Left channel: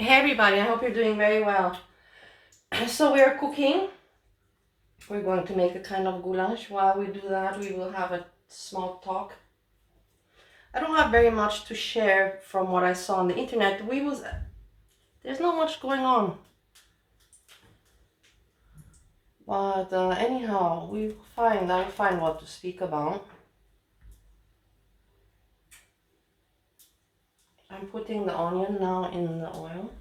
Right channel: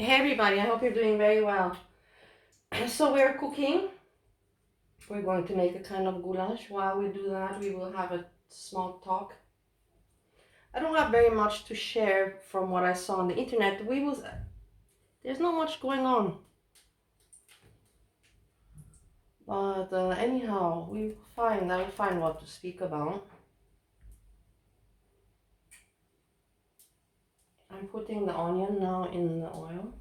Hey everybody, I hope you're doing very well. So we are cooking. We're going to make a kind of goulash. While we do that, we will have a small talk. I don't have very much to share from what I saw on the internet. There's not much going on. But anyhow, I'll find what to speak about. I'm putting the onion now in the oil.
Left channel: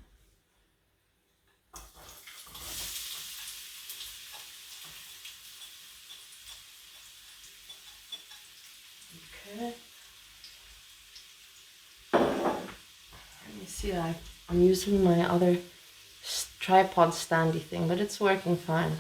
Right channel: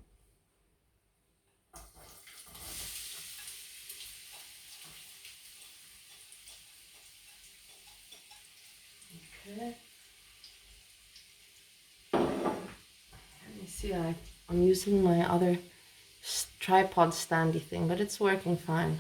Okay. Let me see, I'm using my other tripod standy thing, but it's working fine.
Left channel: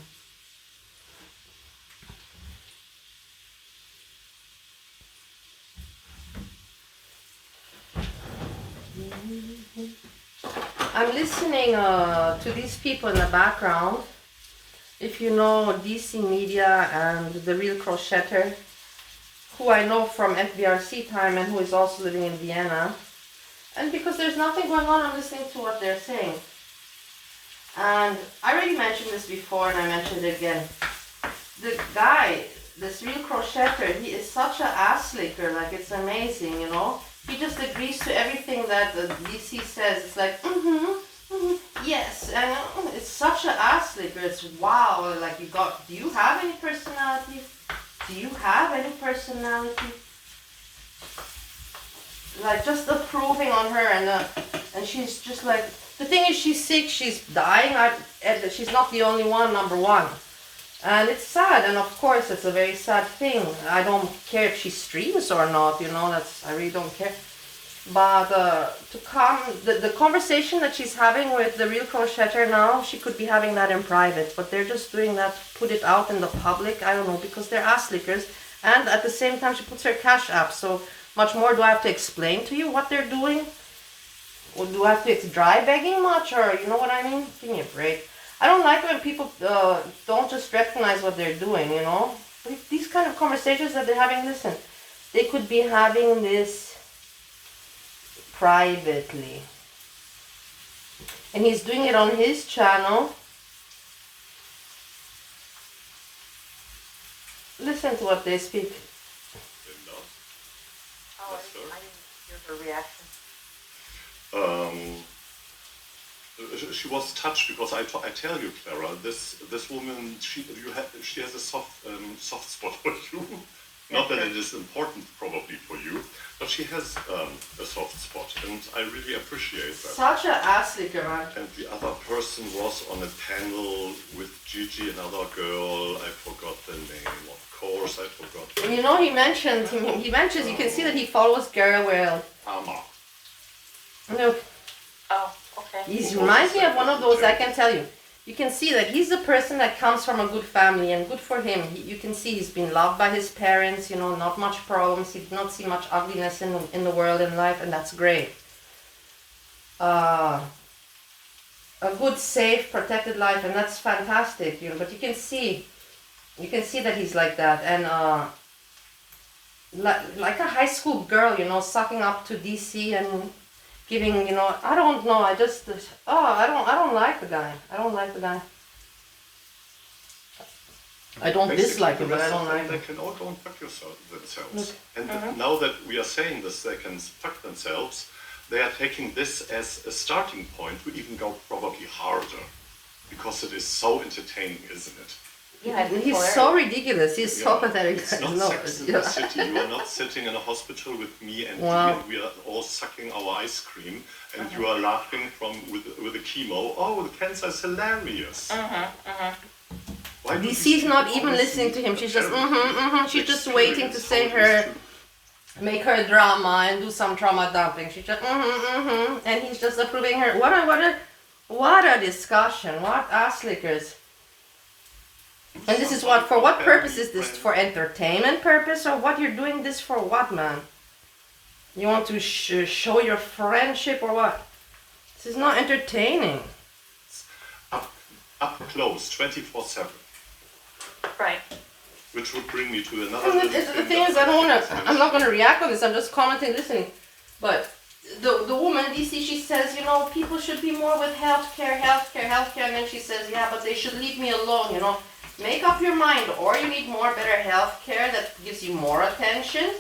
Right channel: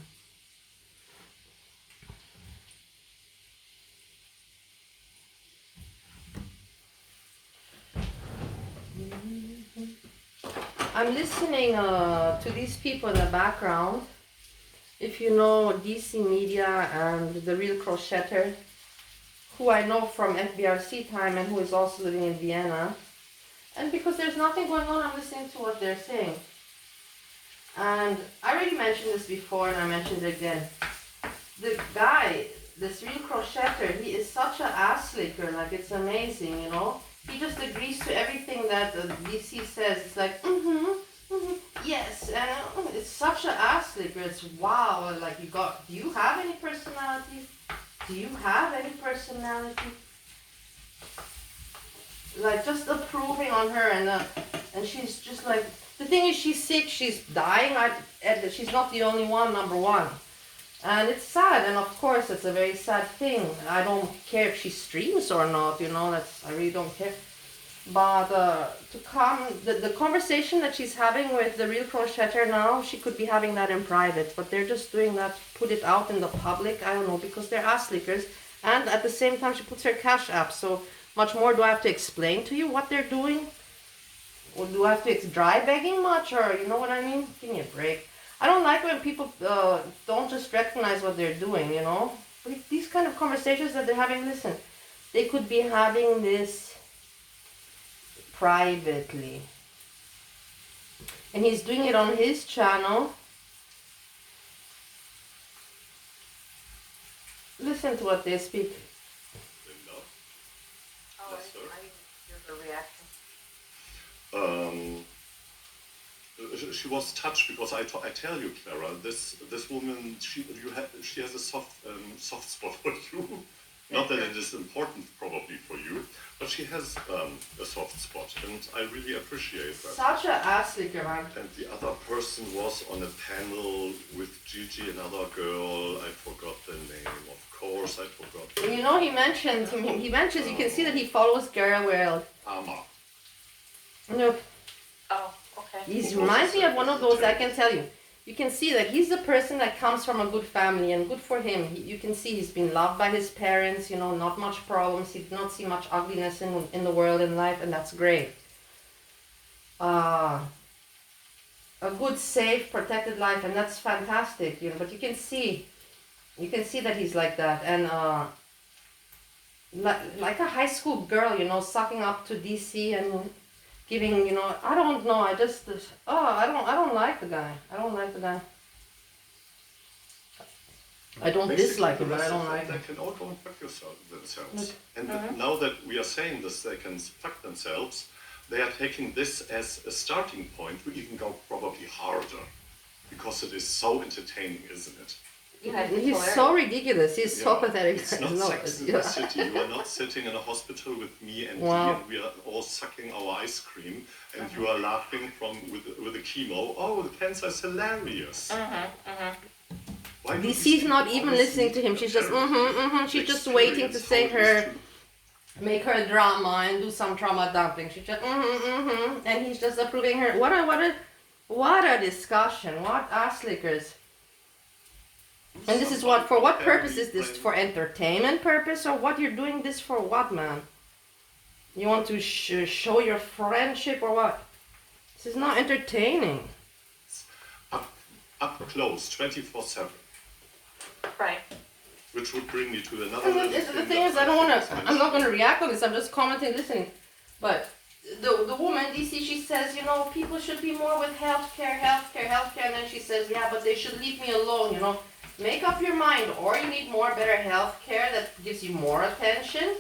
I'm listening to these people in the background. If you know DC Media and the Real Crocheter, who I know from FBRC time and who is also living in Vienna. And because there's nothing going on, I'm listening to what they're saying. And I already mentioned this before and I mentioned it again. The guy, this Real Crocheter, he is such an ass licker, like it's amazing, you know. He just agrees to everything that the DC says. It's like, yes, and it's such an ass licker. It's wow, like do you have any personality? Do you have any personality? Like just approving on her, and she's just like, the thing is she's sick, she's dying, she's not the only one, number one. And it's sad, and of course it's a very sad thing. I don't care if she streams or not, you know, I really don't care. But the conversation that she's having with the Real Crocheter now, she could be having that in private, but they're just doing that, put it out in the public, I don't know, because they're ass lickers. And at the same time she puts her Cash App, so much more do I have to explain to you what they're doing? Or do I have to dry begging much, or you know what I mean? Give me a break. I don't like when people don't just recognize what they're doing, you know? But these kind of conversations that they're having, listen, they could be having this privately. And he's doing it on his channel. Listen to what they speak. Oh, I didn't hear her reaction. She was touched because I tell you, Clara, this woman, she has a soft spot for you. Not that it is important probably for you, but she has a soft spot, and I really appreciate that. Such an ass licker, man. And the other person was on a panel with Gigi, another girl. I forgot the name, of course. I forgot. And you know, he mentions. You can see that he follows Gara Whale. Ama. Look. Oh, okay. He reminds me of one of those, I can tell you. You can see that he's the person that comes from a good family, and good for him. You can see he's been loved by his parents, you know, not much problems. He did not see much ugliness in the world and life, and that's great. A good, safe, protected life, and that's fantastic, you know. But you can see that he's like that, and like a high school girl, you know, sucking up to DC and giving, you know, I don't know, I don't like the guy. I don't like the guy. I don't dislike him, but I don't like him. They can all go and fuck themselves. And now that we are saying this, they can fuck themselves. They are taking this as a starting point to even go probably harder, because it is so entertaining, isn't it? Yeah, he's so ridiculous. He's so pathetic. It's not Sex in the City. You are not sitting in a hospital with me and we are all sucking our ice cream, and you are laughing with the chemo. Oh, the cancer is hilarious. DC's not even listening to him. She's just She's just waiting to say make her drama and do some trauma dumping. She's just and he's just approving her. What a discussion. What ass lickers. And this is for what purpose is this? For entertainment purpose, or what? You're doing this for what, man? You want to show your friendship or what? This is not entertaining. Up close, 24/7. Right. Which would bring me to another. The thing is, I'm not going to react on this. I'm just commenting, listening. But the woman, DC, she says, you know, people should be more with healthcare, and then she says, yeah, but they should leave me alone, you know. Make up your mind, or you need more better healthcare that gives you more attention,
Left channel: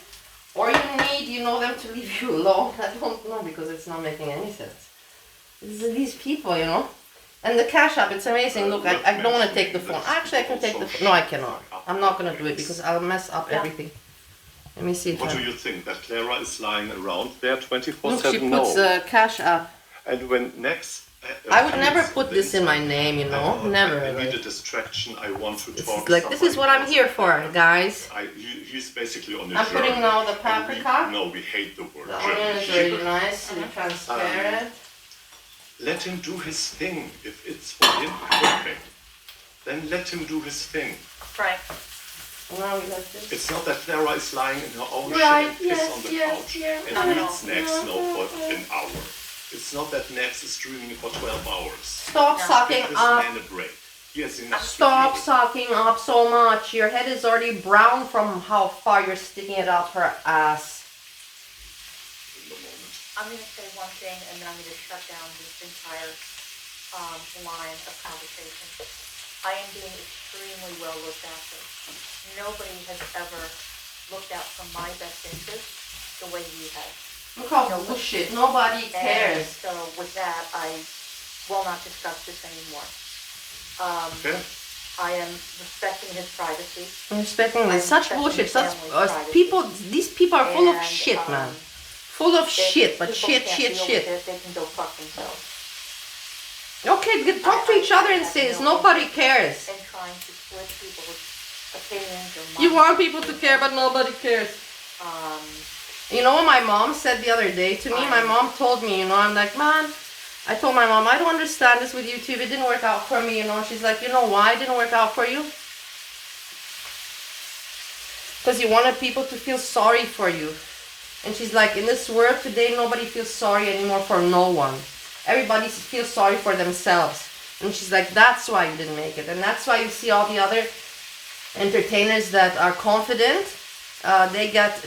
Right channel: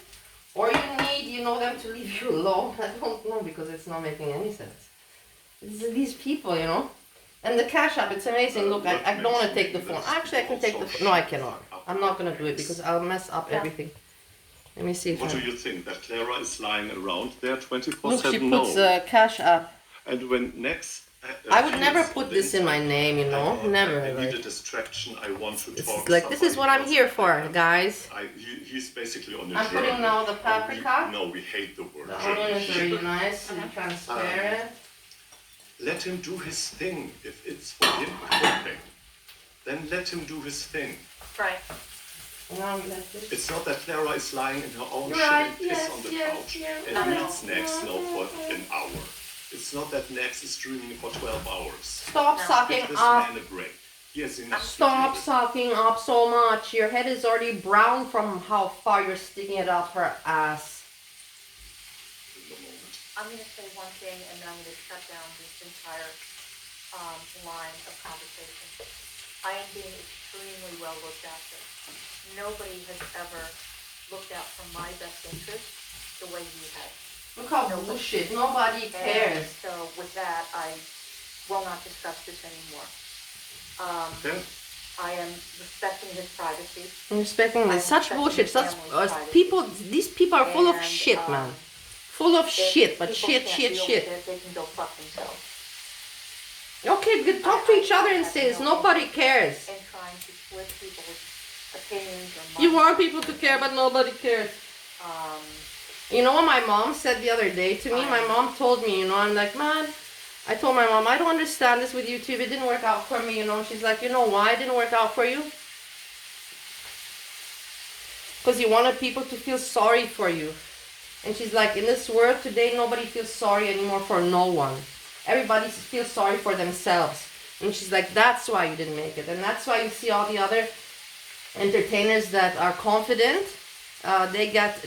or you need, you know, them to leave you alone. I don't know, because it's not making any sense. These people, you know. And the Cash App, it's amazing. Look, I don't want to take the phone. Actually, I can take the phone. No, I cannot. I'm not going to do it because I'll mess up everything. Let me see. What do you think? That Clara is lying around there 24/7? Look, she puts Cash App. And when next... I would never put this in my name, you know. Never. I need a distraction. I want to talk. Like, this is what I'm here for, guys. He's basically on the I'm journey. putting now the paprika. No, we hate the word. The onion is really nice and transparent. Let him do his thing. If it's for him, perfect. Then let him do his thing. Right. Well, that's it. It's not that Clara is lying in her own Right, shit yes, on the yes, couch yeah. and reads next for an hour. It's not that Nex is streaming for 12 hours. Stop sucking Give this up. man a break. He has enough Stop to do. sucking up so much. Your head is already brown from how far you're sticking it up her ass. In the moment. I'm going to say one thing, and then I'm going to shut down this entire line of conversation. I am being extremely well looked after. Nobody has ever looked out for my best interest the way you have. Look how bullshit. Nobody cares. And so with that, I will not discuss this anymore. Okay. I am respecting his privacy. I'm respecting this. Such respecting bullshit. his Such family's people. privacy. These people are full of And, shit, man. Full of If shit. But people shit, can't shit, deal shit. with it, they can go fuck themselves. Okay, good. Talk to each other and say this. Nobody cares. And trying to force people's opinions or You want people to care, but nobody cares. You know what my mom said the other day to me? My mom told me, you know, I'm like, man, I told my mom, I don't understand this with YouTube. It didn't work out for me, you know. She's like, you know why it didn't work out for you? Because you wanted people to feel sorry for you. And she's like, in this world today, nobody feels sorry anymore for no one. Everybody feels sorry for themselves. And she's like, that's why you didn't make it. And that's why you see all the other entertainers that are confident. They get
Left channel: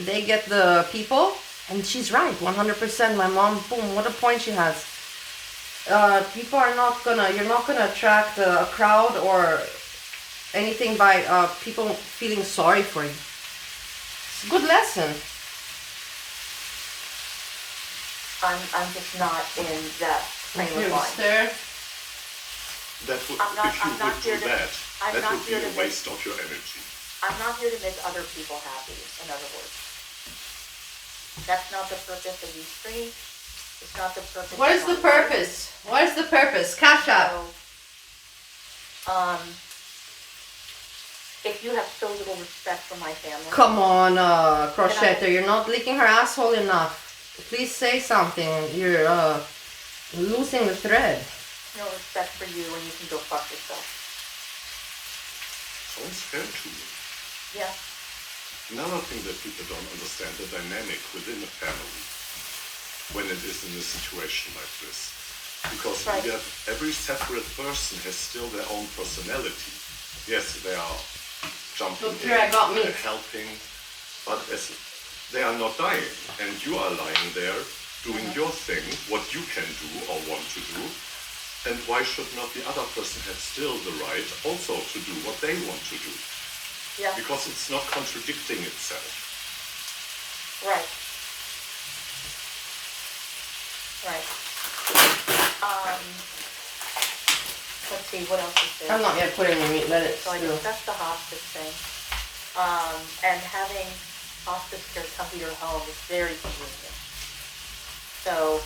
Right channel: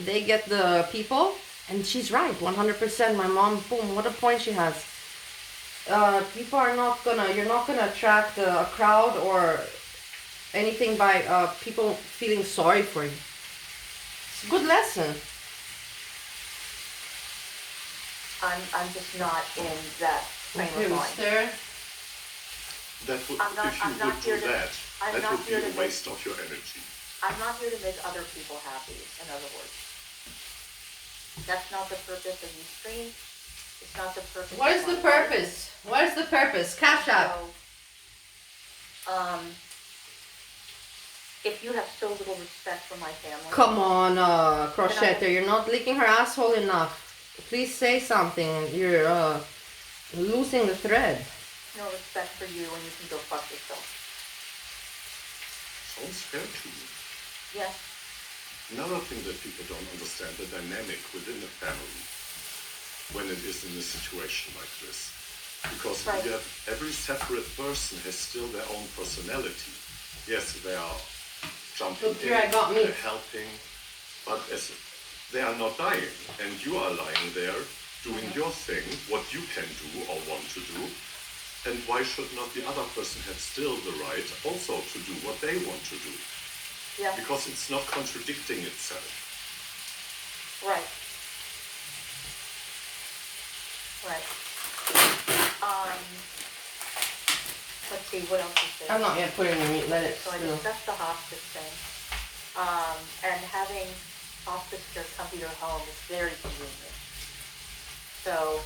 the people. And she's right, 100%. My mom, boom, what a point she has. People are not gonna, you're not gonna attract a crowd or anything by people feeling sorry for you. It's a good lesson. I'm just not in that frame Here of we mind. stir. That would, I'm not- if you I'm not would do here to- that, I'm that not would be here a to waste of your energy. I'm not here to make other people happy, in other words. That's not the purpose of these streams. It's not the purpose. What is of the my life. purpose? What is the purpose? Cash App. So, if you have so little respect for my family. Come on, Crochetter, you're not licking her asshole enough. Please say something. You're losing the thread. No respect for you, and you can go fuck yourself. Sounds fair to me. Yeah. Another thing that people don't understand, the dynamic within a family when it is in a situation like this. Because Right. you have, every separate person has still their own personality. Yes, they are jumping Look, here I got in, meat. they're helping, but they are not dying. And you are lying there doing your thing, what you can do or want to do. And why should not the other person have still the right also to do what they want to do? Yeah. Because it's not contradicting itself. Right. Right. Let's see, what else is there? I'm not yet putting the meat, let it So I stew. discussed the hospice thing. And having hospice care come to your home is very convenient. So,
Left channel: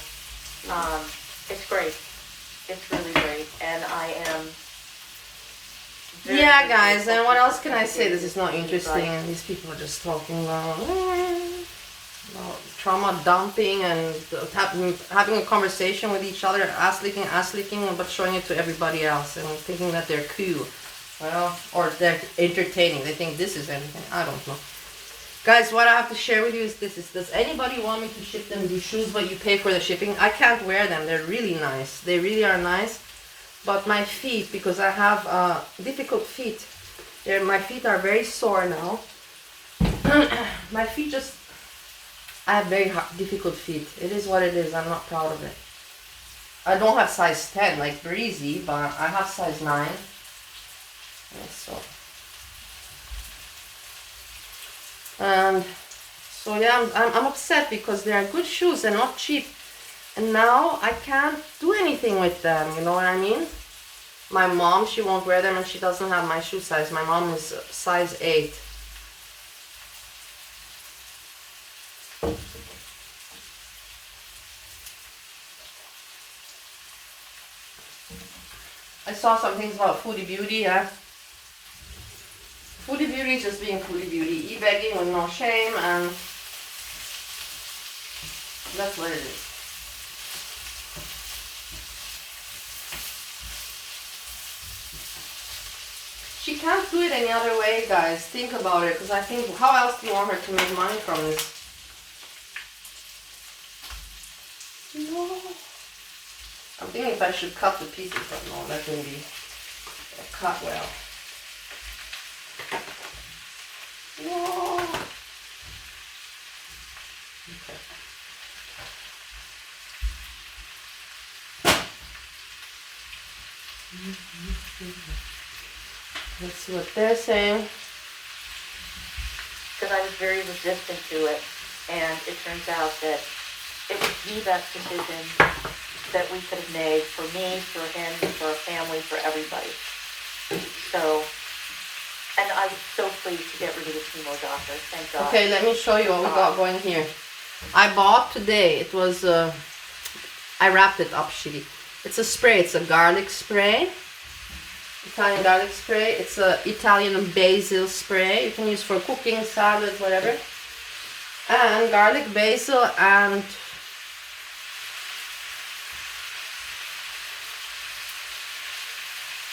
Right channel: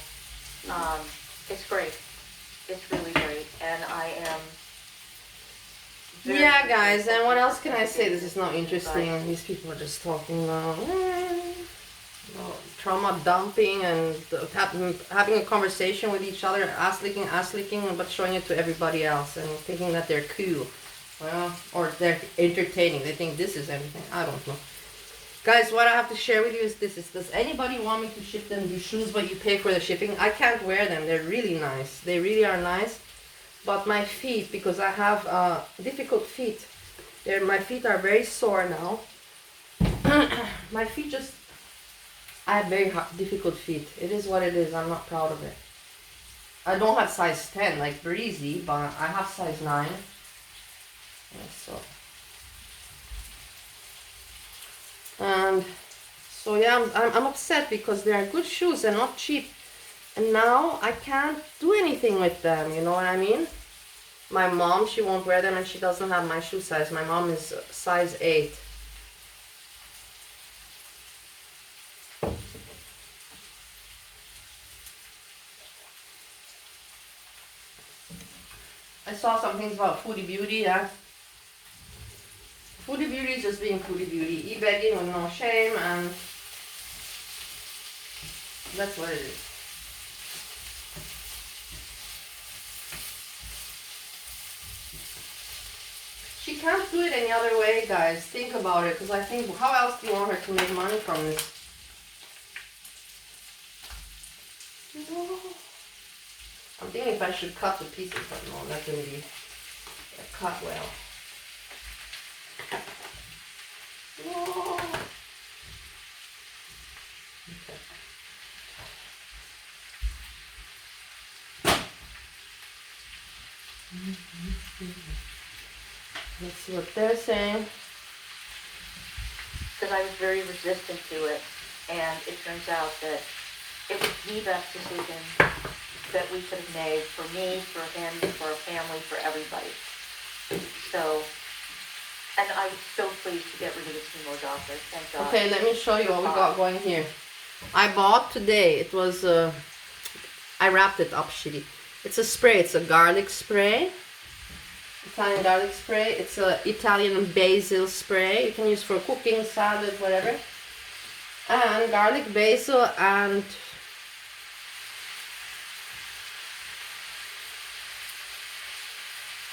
it's great. It's really great, and I am very, Yeah, very guys, grateful and what for else can I say? This is not you interesting, guys. and these people are just talking about trauma dumping and having a conversation with each other, ass licking, but showing it to everybody else and thinking that they're cool. Well, or they're entertaining. They think this is anything. I don't know. Guys, what I have to share with you is this. Does anybody want me to ship them these shoes, but you pay for the shipping? I can't wear them. They're really nice. They really are nice. But my feet, because I have difficult feet, my feet are very sore now. My feet just I have very difficult feet. It is what it is. I'm not proud of it. I don't have size 10 like Breezy, but I have size 9. And so yeah, I'm upset because they are good shoes. They're not cheap. And now I can't do anything with them. You know what I mean? My mom, she won't wear them and she doesn't have my shoe size. My mom is size 8. I saw some things about Foodie Beauty, yeah. Foodie Beauty is just being Foodie Beauty. E-begging with no shame, and that's what it is. She can't do it any other way, guys. Think about it, because I think, how else do you want her to make money from this? No. I'm thinking if I should cut the pieces, but no, that can be cut well. No. Okay. Let's see what they're saying. Because I was very resistant to it, and it turns out that it was the best decision that we could have made for me, for him, for our family, for everybody. So, and I was so pleased to get rid of the chemo doctor. Thank God. Okay, let me show you what we got going here. I bought today, it was, I wrapped it up shitty. It's a spray, it's a garlic spray. Italian garlic spray. It's a Italian basil spray. You can use for cooking, salads, whatever. And garlic, basil, and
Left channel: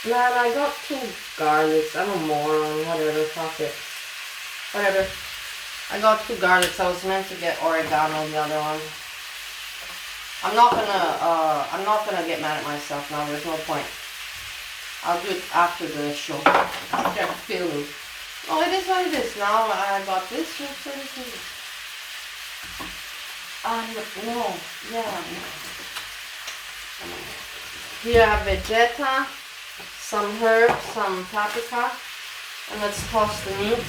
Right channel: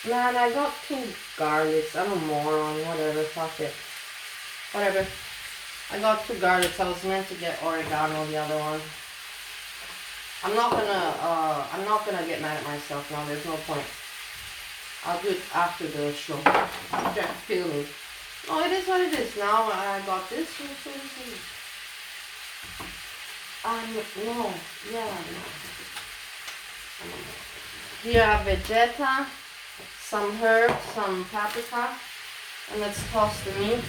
man, I got 2 garlics. I'm a moron. Whatever, fuck it. Whatever. I got 2 garlics. I was meant to get oregano, the other one. I'm not gonna get mad at myself now. There's no point. I'll do it after the show. After I feel it. Oh, it is what it is. Now I got this. No. Yeah. Here I have vegeta, some herbs, some paprika, and let's toss the meat.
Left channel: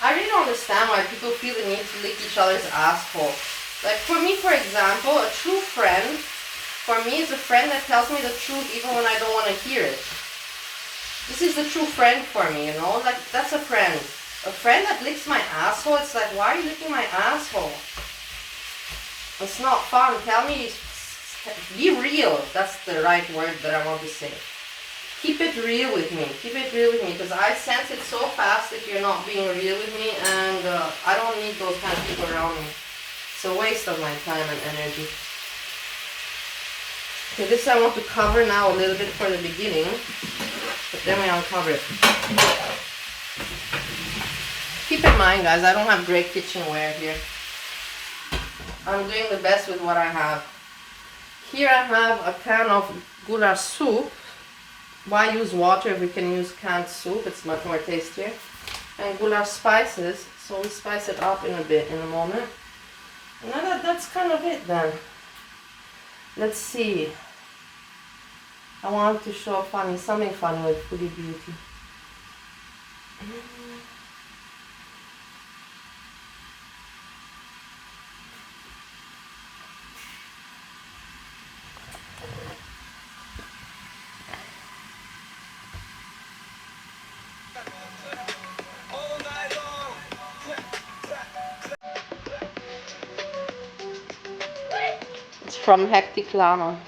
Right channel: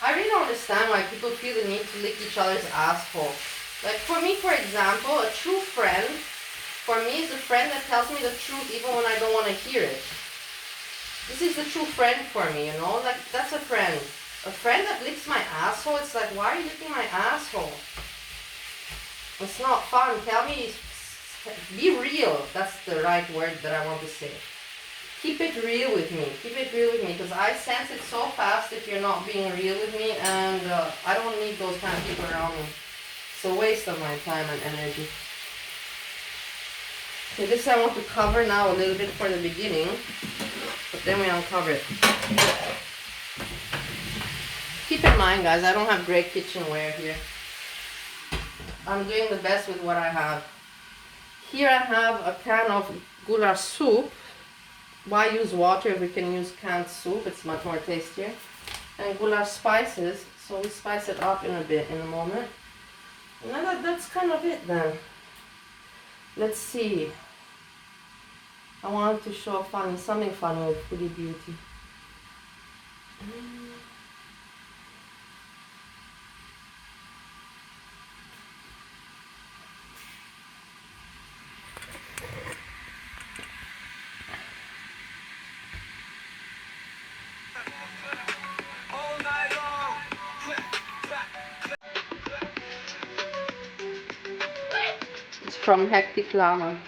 I really don't understand why people feel the need to lick each other's asshole. Like for me, for example, a true friend, for me is a friend that tells me the truth even when I don't want to hear it. This is the true friend for me, you know? Like, that's a friend. A friend that licks my asshole, it's like, why are you licking my asshole? It's not fun. Tell me, be real. That's the right word that I want to say. Keep it real with me. Keep it real with me, because I sense it so fast if you're not being real with me, and I don't need those kind of people around me. It's a waste of my time and energy. Okay, this I want to cover now a little bit for the beginning, but then we uncover it. Keep in mind, guys, I don't have great kitchenware here. I'm doing the best with what I have. Here I have a can of Gulasch soup. Why use water if we can use canned soup? It's much more tastier. And Gulasch spices, so we spice it up in a bit in a moment. And that's kind of it then. Let's see. I wanted to show something funny with Foodie Beauty. It's from Hectic Llama.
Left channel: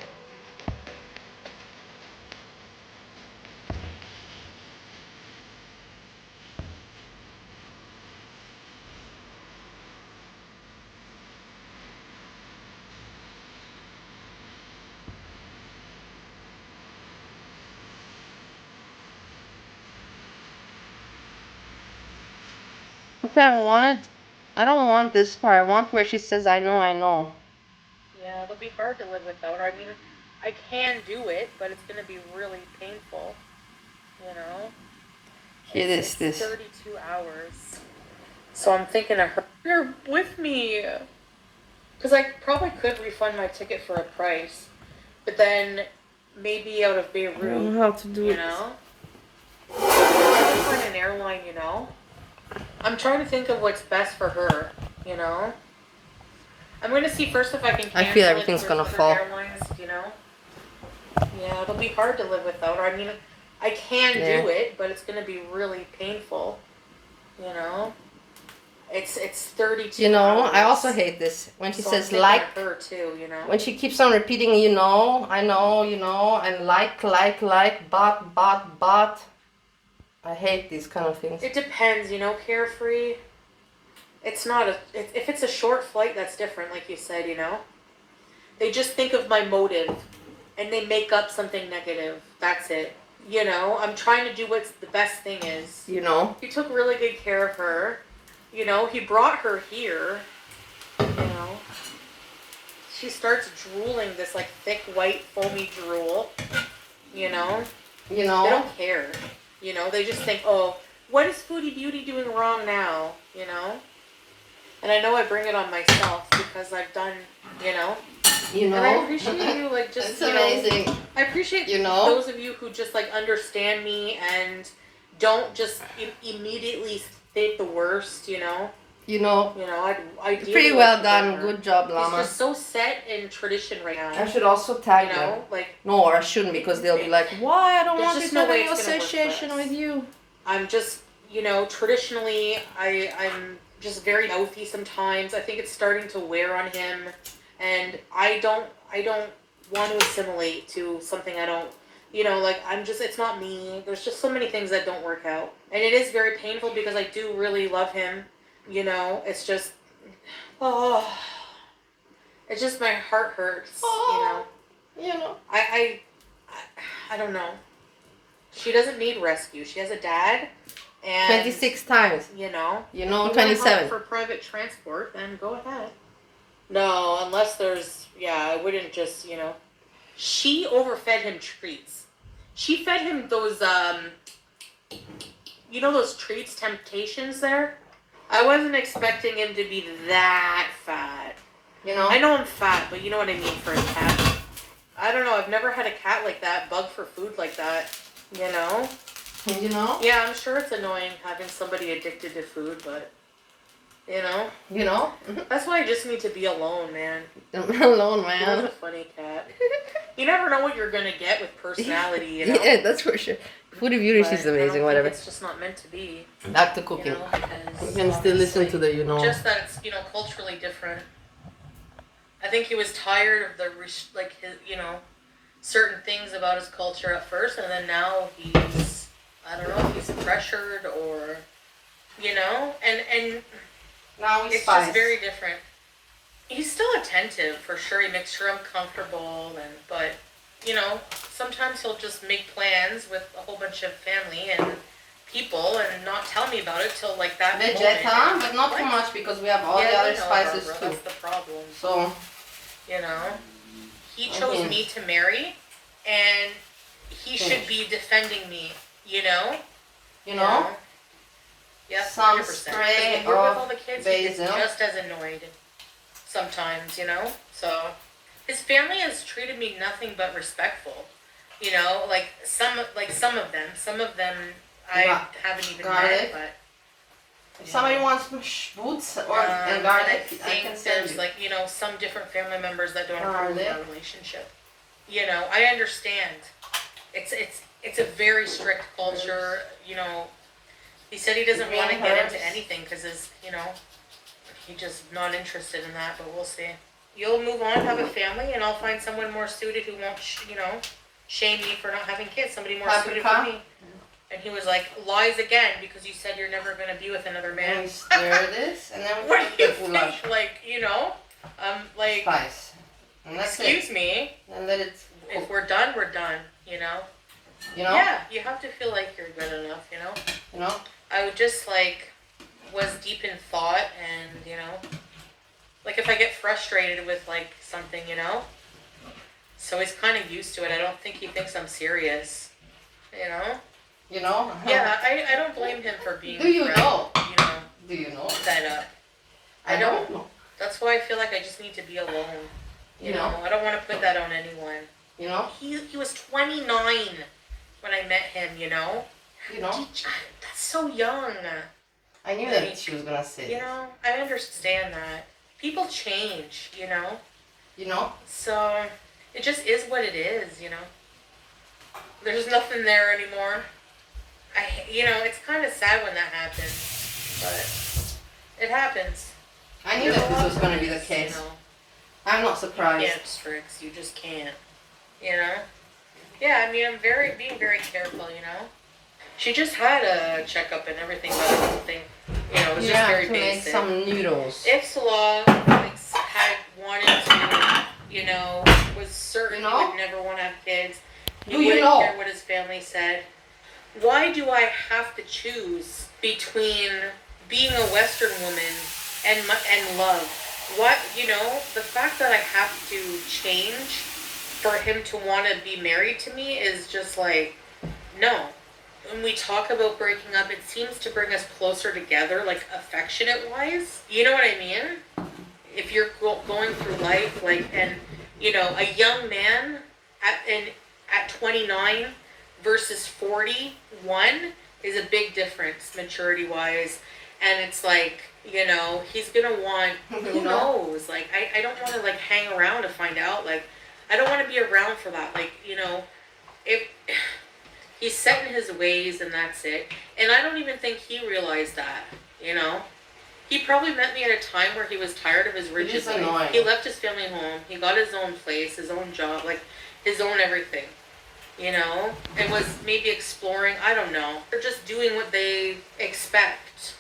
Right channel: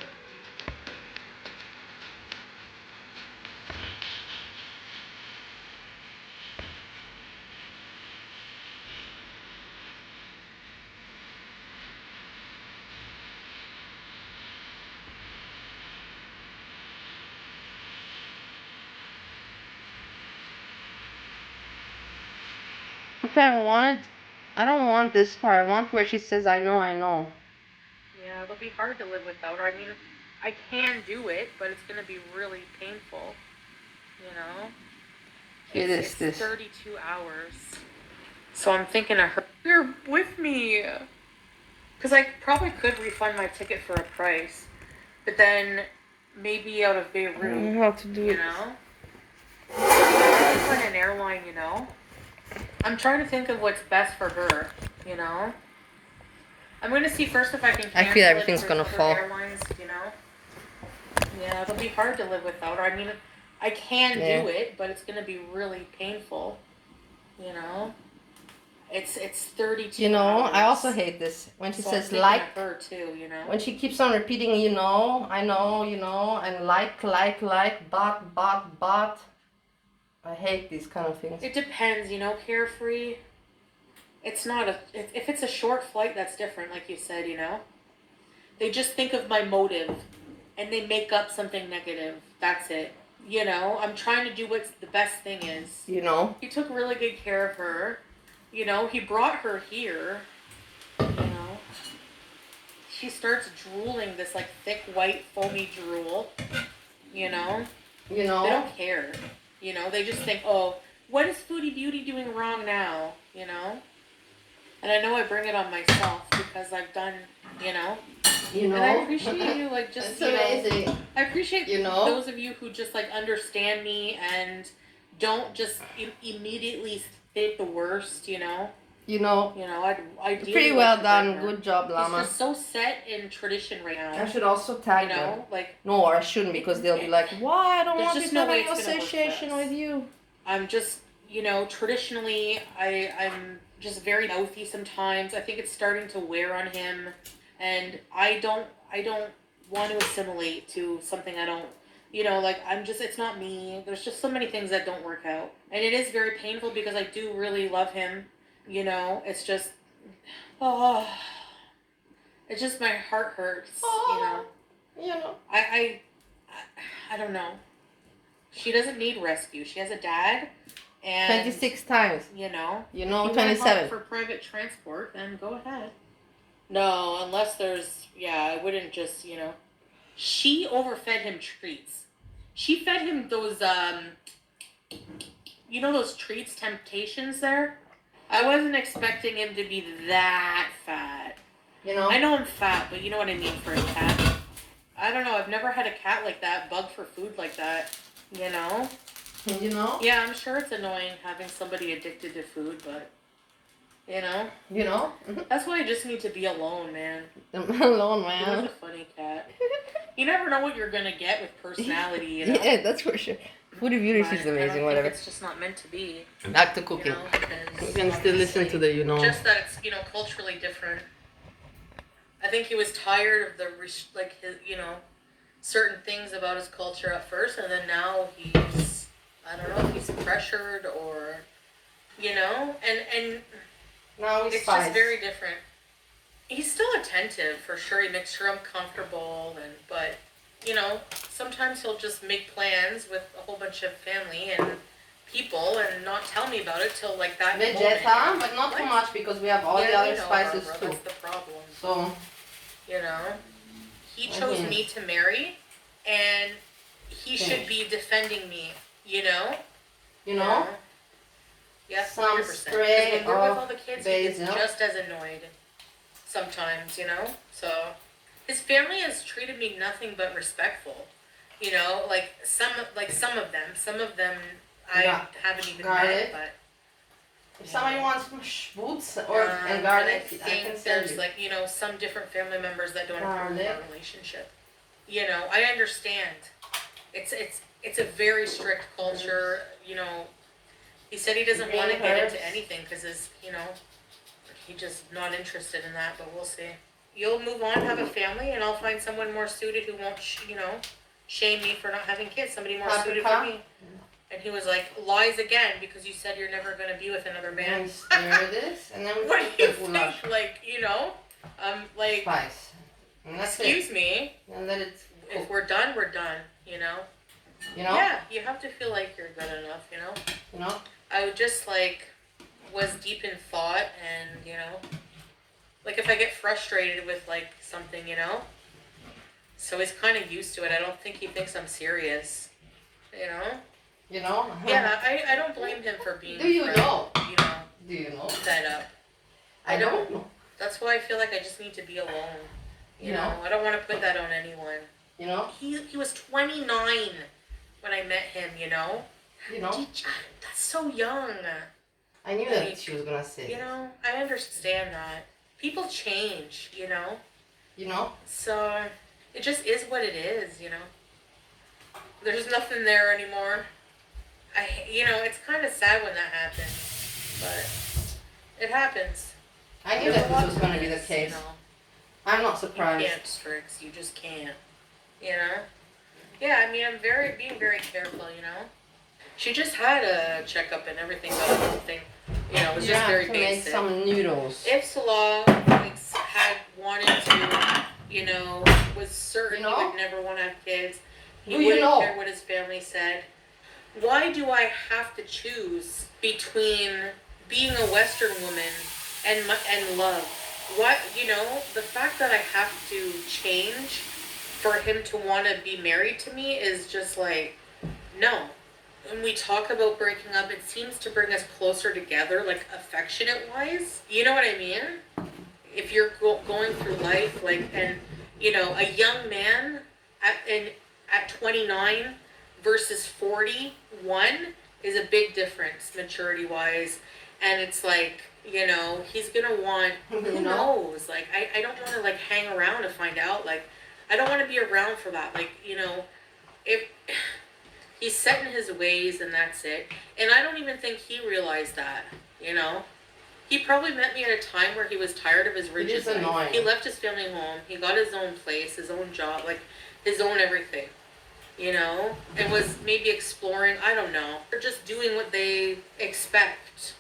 Okay, I don't want this part. I want where she says, I know, I know. Yeah, it'll be hard to live without her. I mean, I can do it, but it's going to be really painful, you know? Hear It's this. 32 hours. So I'm thinking of her. You're with me. Because I probably could refund my ticket for a price. But then maybe out of I don't Beirut, know how to do you it. know? On an airline, you know? I'm trying to think of what's best for her, you know? I'm going to see first if I can cancel I feel it everything's with gonna other fall. airlines, you know? Yeah, it'll be hard to live without her. I mean, I can Yeah. do it, but it's going to be really painful, you know? It's 32 You know, hours. I also hate this when she So says I'm thinking like. of her too, you know? When she keeps on repeating, you know, I know, you know, and like, but. I hate these kind of things. It depends, you know, Carefree. It's not if it's a short flight, that's different, like you said, you know? They just think of my motive and they make up something negative. That's it. You know, I'm trying to do what's the best thing is. You know? He took really good care of her. You know, he brought her here. You know, she starts drooling this like thick white foamy drool. You know, You they know? don't care. You know, they just think, oh, what is Foodie Beauty doing wrong now? You know, and I know I bring it on myself because I've done, you know. You know? And I appreciate you, like, just, It's you know, amazing. I appreciate, You know? those of you who just, like, understand me and don't just immediately think the worst, you know? You know? You know, I do. Pretty well done. Good job, He's Llama. just so set in tradition right now. I should also tag you them. know, like, No, or I shouldn't because they'll be like, why? I don't There's want just to no have way any it's gonna work for association us. with you. I'm just, you know, traditionally, I'm just very mouthy sometimes. I think it's starting to wear on him, and I don't want to assimilate to something I don't, you know, like, it's not me. There's just so many things that don't work out, and it is very painful because I do really love him, you know. It's just, oh, it's just my heart hurts, you know. You know? I don't know. She doesn't need rescue. She has a dad, and 26 times. you know. You know, If you want help 27. for private transport, then go ahead. No, unless there's, yeah, I wouldn't just, you know. She overfed him treats. She fed him those, you know those treats, Temptations there? I wasn't expecting him to be that fat. You know? I know I'm fat, but you know what I mean for a cat. I don't know, I've never had a cat like that, bug for food like that, you know? You know? Yeah, I'm sure it's annoying having somebody addicted to food, but, you know? You know? That's why I just need to be alone, man. Alone, He was man. a funny cat. You never know what you're gonna get with personality, you know? Yeah, that's for sure. Foodie Beauty But is I amazing, don't whatever. think it's just not meant to be, Back to you cooking. know? We can still listen to the, you know. Just that it's, you know, culturally different. I think he was tired of his, you know, certain things about his culture at first, and then now he's, I don't know if he's pressured or, you know, and Now it's just very different. He's still attentive, for sure. He makes sure I'm comfortable, but, you know, sometimes he'll just make plans with a whole bunch of family and people and not tell me about it till, like, that moment. Vegeta, but not too much because we have all the other spices Barbara, too. that's the problem. So, You know, he chose me to marry, and he should be defending me. You know. you know, Yeah. some 100%. spray When we're with all of the kids, he gets basil. just as annoyed. Sometimes, you know. So, his family has treated me nothing but respectful. You know, like some of them, I haven't even garlic. met, but. If somebody wants boots or and garlic, I think can send there's you. like, you know, some different family members that don't approve Garlic. of our relationship. You know, I understand. It's a very strict culture. You know, he said he doesn't want to Green get herbs. into anything because you know, he's just not interested in that. But we'll see. You'll move on, have a family, and I'll find someone more suited who won't, you know, shame me for not having kids. Somebody more suited for me. And he was like, lies again because you said you're never going to be with another man. And stir this, and then we What put do you the goulash. think? Like, you know, like, Spice. And that's excuse it. me, And let it if cook. we're done, we're done, you know? You know? Yeah, you have to feel like you're good enough, you know? You know? I would just, like, was deep in thought and, you know, like if I get frustrated with, like, something, you know? So he's kind of used to it. I don't think he thinks I'm serious, you know? You know? Yeah, I don't blame him for being Do you afraid, know? you know, Do you know? fed up. I don't know. That's why I feel like I just need to be alone. You know, I don't want to put that on anyone. You know? He was 29 when I met him, you know? You know? That's so young. I knew that she was gonna say You know, I understand that. People change, you know? You know? So, it just is what it is, you know? There's nothing there anymore. You know, it's kind of sad when that happens, but it happens. I knew that this was gonna be the case. You know? I'm not You surprised. can't, Strix. You just can't. You know? Yeah, I mean, I'm being very careful, you know? She just had a checkup and everything, but everything, you know, it was just very to make basic. some noodles. If Salah had wanted to, you know, was certain he would never want to have kids, he wouldn't care what his family said. Why do I have to choose between being a Western woman and love? What, you know, the fact that I have to change for him to want to be married to me is just like, no. When we talk about breaking up, it seems to bring us closer together, like affectionate-wise. You know what I mean? If you're going through life, like, and, you know, a young man at 29 versus 41 is a big difference, maturity-wise. And it's like, you know, he's gonna want, who knows? Like, I don't want to, like, hang around to find out. Like, I don't want to be around for that. Like, you know, if... He's set in his ways and that's it. And I don't even think he realized that, you know? He probably met me at a time where he was tired of his rigid life. He left his family home. He got his own place, his own job, like his own everything, you know? And was maybe exploring, I don't know. They're just doing what they expect,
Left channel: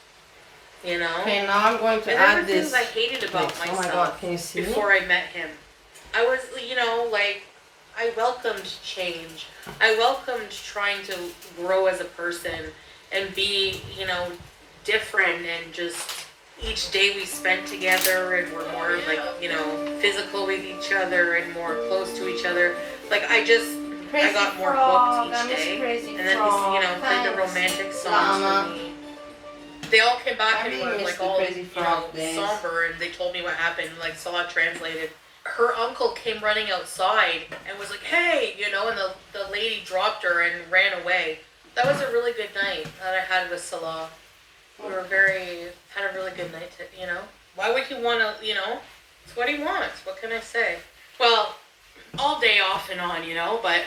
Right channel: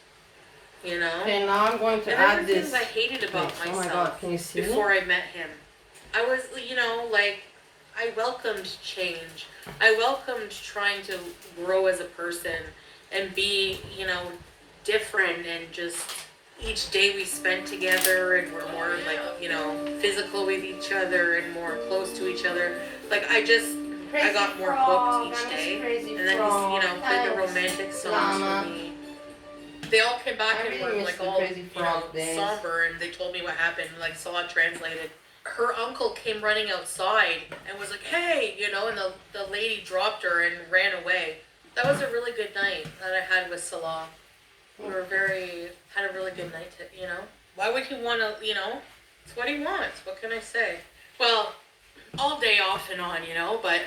you know? Okay, now I'm going to add this. I hated about myself oh my God, can you see before I met him. I was, you know, like, I welcomed change. I welcomed trying to grow as a person and be, you know, different, and just each day we spent together and we're more like, you know, physical with each other and more close to each other. Like I got more hooked each day. And then he's, you know, played the romantic songs for me. They all came back and were like all, you know, somber, and they told me what happened, like Salah translated. Her uncle came running outside and was like, hey, you know, and the lady dropped her and ran away. That was a really good night that I had with Salah. We were had a really good night, you know. Why would he want to, you know, it's what he wants. What can I say? Well, all day off and on, you know, but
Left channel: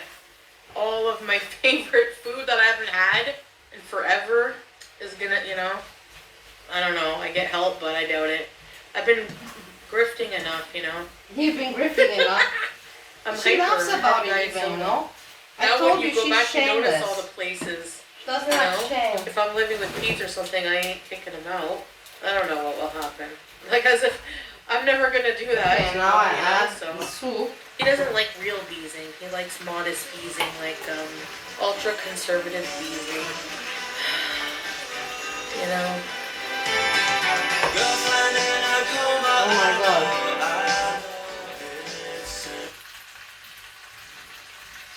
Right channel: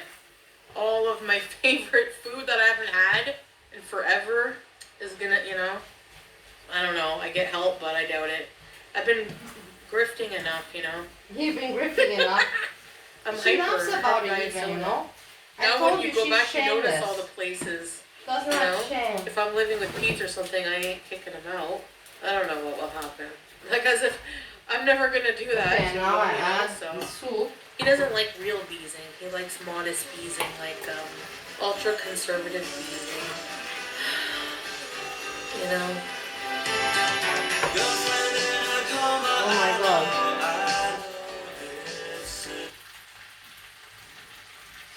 all of my favorite food that I haven't had in forever is gonna, you know, I don't know. I get help, but I doubt it. I've been grifting enough, you know. You've been grifting enough. She laughs about it even, you know. I told you she's shameless. You notice all the places. Doesn't have shame. If I'm living with Pete or something, I ain't kicking him out. I don't know what will happen. Like as if I'm never gonna do that. Okay, now I add the soup. He doesn't like real beezing. He likes modest beezing, like ultra conservative beezing. You know. Oh my God.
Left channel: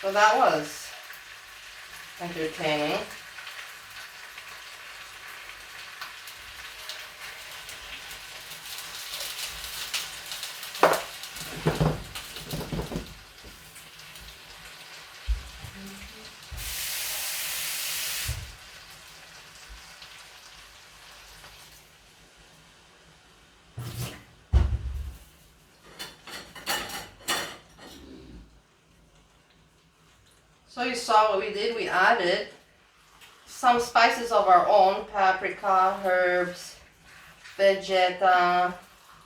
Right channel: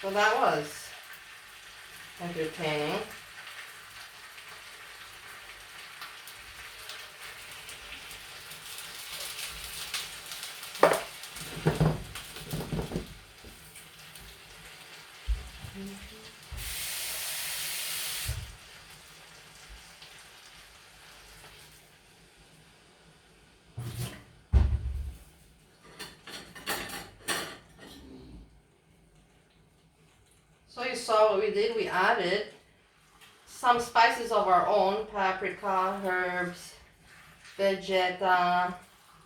So that was entertaining. So you saw what we did. We added some spices of our own, paprika, herbs, vegeta,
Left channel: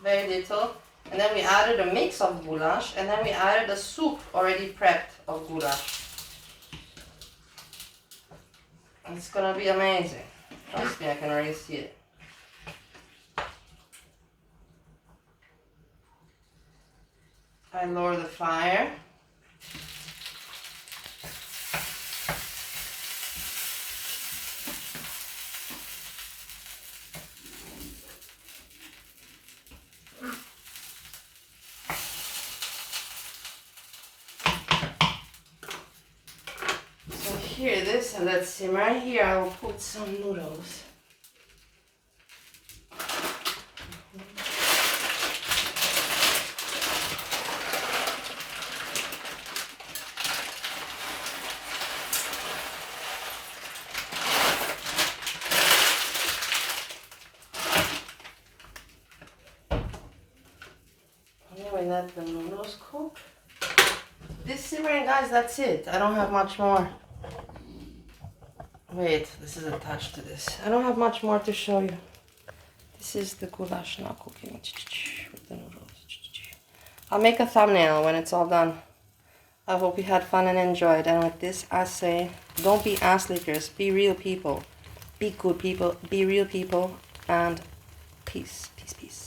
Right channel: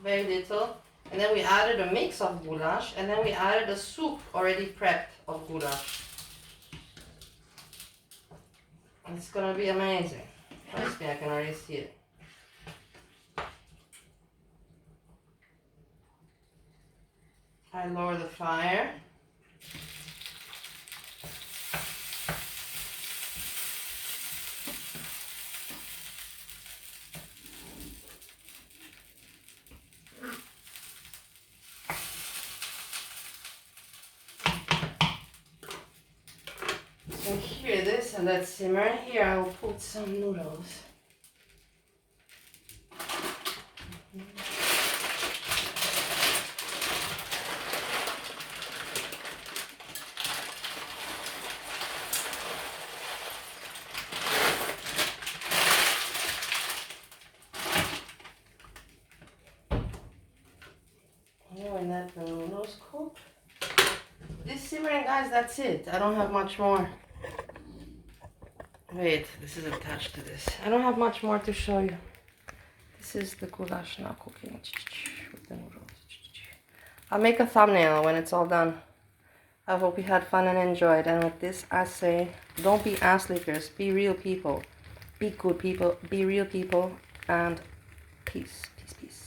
very little. And then we added a mix of goulash, and then we added a soup already prepped of goulash. It's gonna be amazing. Trust me, I can already see it. I lower the fire. So here, this and that simmer. Here I will put some noodles. Anyway, let the noodles cook. This simmering, guys, that's it. I don't have much more. Wait, this is attached to this. I don't have much more to show you. This is the goulash now cooking with the noodles. I'll make a thumbnail when it's all done. I hope you had fun and enjoyed. And with this, I say, don't be ass lickers. Be real people. Be good people. Be real people. And peace, peace, peace.